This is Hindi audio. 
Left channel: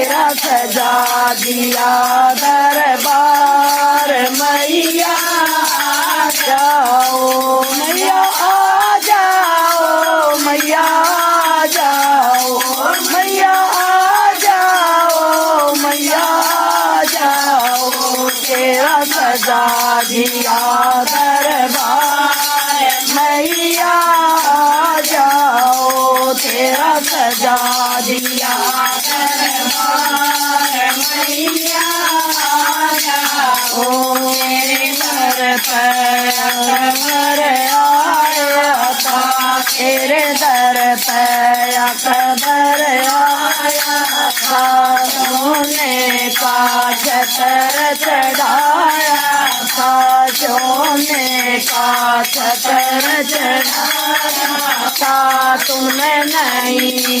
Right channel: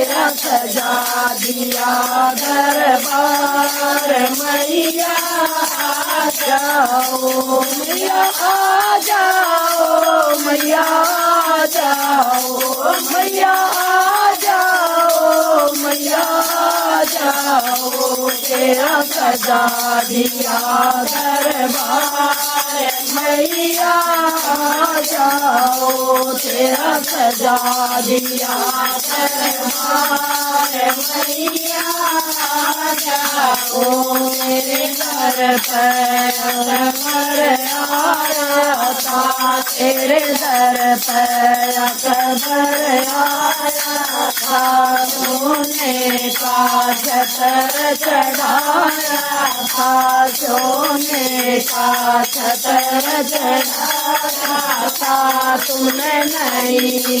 तेरा सजा दिया दरबार। मैया आ जाओ, मैया आ जाओ, मैया आ जाओ, मैया आ जाओ, मैया आ जाओ। तेरा सजा दिया दरबार। मैया आ जाओ, तेरा सजा दिया दरबार। मैया आ जाओ, तेरे दर पर अकबर आया था, तेरे दर पर अकबर आया था। सोने का छतर चढ़ाया था, सोने का छतर चढ़ाया था। तुमने नहीं